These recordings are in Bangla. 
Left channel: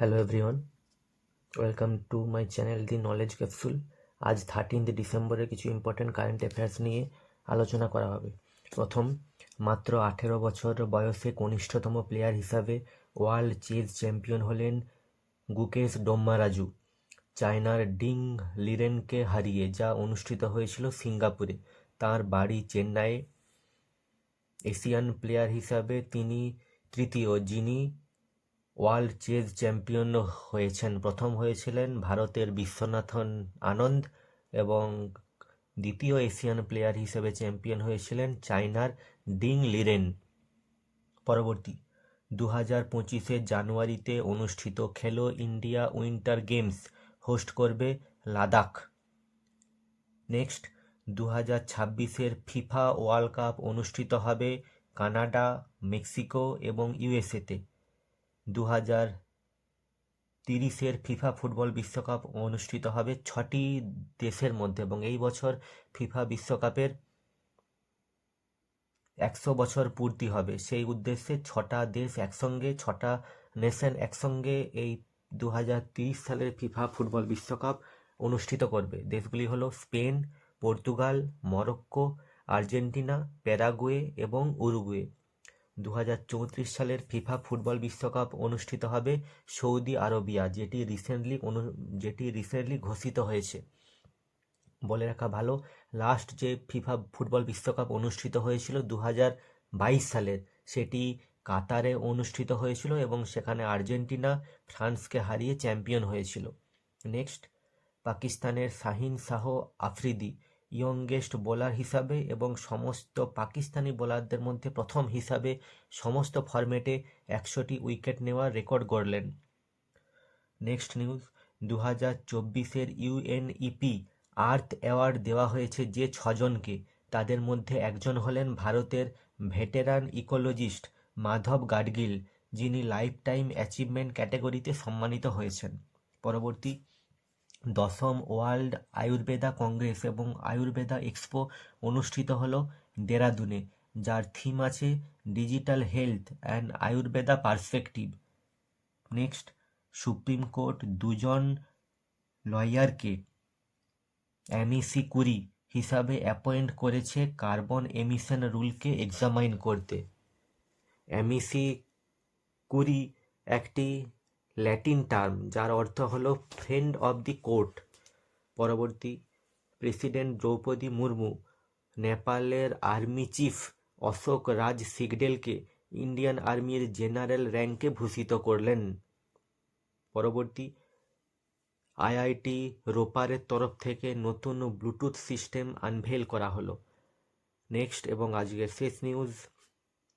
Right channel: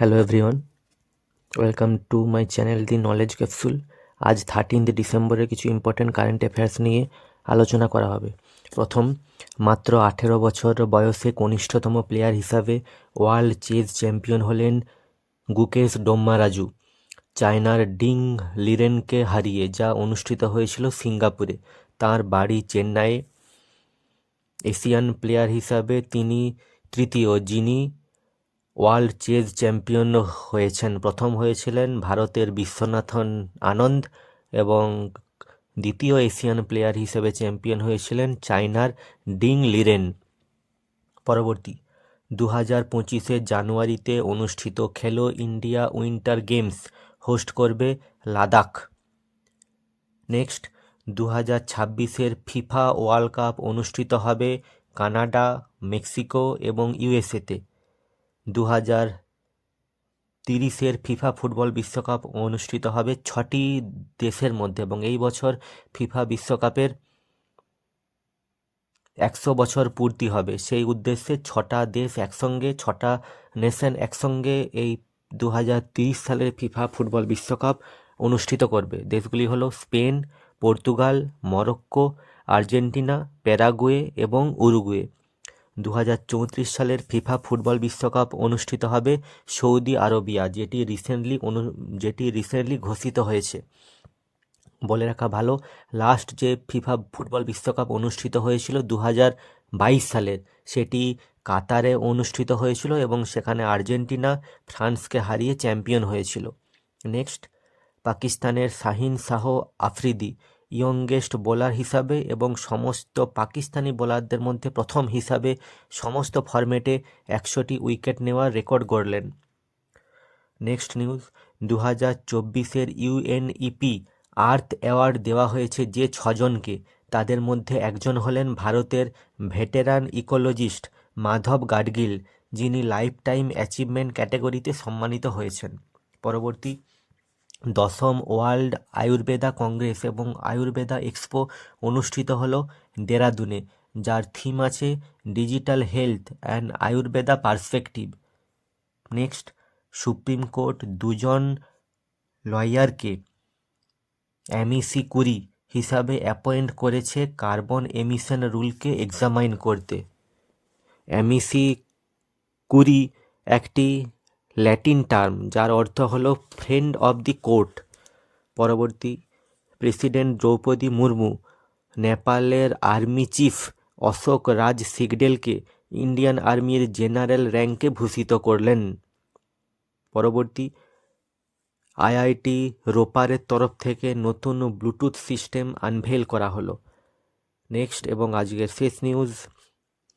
Hello everyone, welcome to my channel the knowledge capsule. আজ 13 ডিসেম্বরের কিছু ইম্পর্টেন্ট কারেন্ট অ্যাফেয়ার্স নিয়ে আলোচনা করা হবে। প্রথম, মাত্র 18 বছর বয়সে কনিষ্ঠতম প্লেয়ার হিসাবে ওয়ার্ল্ড চেস চ্যাম্পিয়ন হলেন গুকেশ ডোম্মারাজু, চায়নার ডিং লিরেনকে হারিয়ে, যা অনুষ্ঠিত হয়েছিল সিঙ্গাপুরে। তার বাড়ি চেন্নাইয়ে। এশিয়ান প্লেয়ার হিসাবে তিনি তৃতীয় যিনি ওয়ার্ল্ড চেস চ্যাম্পিয়ন হয়েছেন। প্রথম হয়েছিলেন ভারতের বিশ্বনাথন আনন্দ এবং দ্বিতীয় এশিয়ান প্লেয়ার হিসেবে চ্যাম্পিয়ন হয়েছিলেন চায়নার ডিং লিরেন। পরবর্তী, 2025 জানুয়ারিতে অনুষ্ঠিত খেলো ইন্ডিয়া উইন্টার গেমস হোস্ট করবে Ladakh. Next, 2026 FIFA world cup অনুষ্ঠিত হবে কানাডা, মেক্সিকো এবং ইউএসএতে। 2030 ফিফা ফুটবল বিশ্বকাপ অনুষ্ঠিত হবে 6টি দেশের মধ্যে এবং এই বছর ফিফা বিশ্বকাপের 100 বছর পূর্তি হবে। সেই উদ্দেশ্যে 6টা দেশ একসঙ্গে, 6টা নেশন একসঙ্গে এই 2030 সালের ফিফা ফুটবল বিশ্বকাপ অনুষ্ঠিত করবে। দেশগুলি হলো Spain, Portugal, Morocco, Argentina, Paraguay এবং উরুগুয়ে। 2034 সালের ফিফা ফুটবল বিশ্বকাপ অনুষ্ঠিত হবে সৌদি আরবিয়া, যেটি রিসেন্টলি ঘোষিত হয়েছে। বলে রাখা ভালো, লাস্ট যে ফিফা ফুটবল বিশ্বকাপ অনুষ্ঠিত হয়েছিল 2022 সালের, সেটি কাতারে অনুষ্ঠিত হয়েছিল এবং সেখানে আর্জেন্টিনা ফ্রান্সকে হারিয়ে চ্যাম্পিয়ন হয়েছিল। নেক্সট, পাকিস্তানের শাহিন শাহ আফ্রিদি ইয়ংগেস্ট বোলার হিসাবে এবং সমস্ত পাকিস্তানি বোলারদের মধ্যে প্রথম হিসাবে সমস্ত ফরম্যাটে 100টি উইকেট নেওয়ার রেকর্ড গড়লেন। নেক্সট নিউজ, 2024 ইউএনইপি আর্থ অ্যাওয়ার্ড দেওয়া হয়েছে যে 6জনকে। তাদের মধ্যে একজন হলেন ভারতের ভেটেরান ইকোলজিস্ট মাধব গাডগিল, যিনি লাইফ টাইম অ্যাচিভমেন্ট ক্যাটাগরিতে সম্মানিত হয়েছেন। পরবর্তী, 10ম ওয়ার্ল্ড আয়ুর্বেদা কংগ্রেস এবং আয়ুর্বেদা এক্সপো অনুষ্ঠিত হলো দেরাদুনে, যার থিম আছে digital health and Ayurveda perspective. Next, supreme court 2জন লয়ারকে অ্যামিসি কুরি হিসাবে অ্যাপয়েন্ট করেছে কার্বন এমিশন রুলকে এক্সামাইন করতে। অ্যামিসি কুরি একটি ল্যাটিন টার্ম যার অর্থ হলো ফ্রেন্ড অব দি কোর্ট। পরবর্তী, প্রেসিডেন্ট দ্রৌপদী মুর্মু নেপালের আর্মি চিফ অশোক রাজ সিগডেলকে ইন্ডিয়ান আর্মির জেনারেল র্যাঙ্কে ভূষিত করলেন। পরবর্তী, আইআইটি রোপারের তরফ থেকে নতুন ব্লুটুথ সিস্টেম আনভেল করা হলো। নেক্সট এবং আজকের শেষ নিউজ,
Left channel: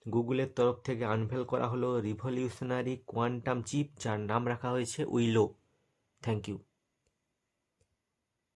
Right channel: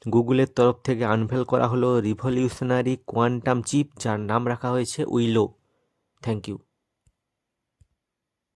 গুগলের তরফ থেকে আনভেল করা হলো রিভলিউশনারি কোয়ান্টাম চিপ, যার নাম রাখা হয়েছে উইলো। Thank you.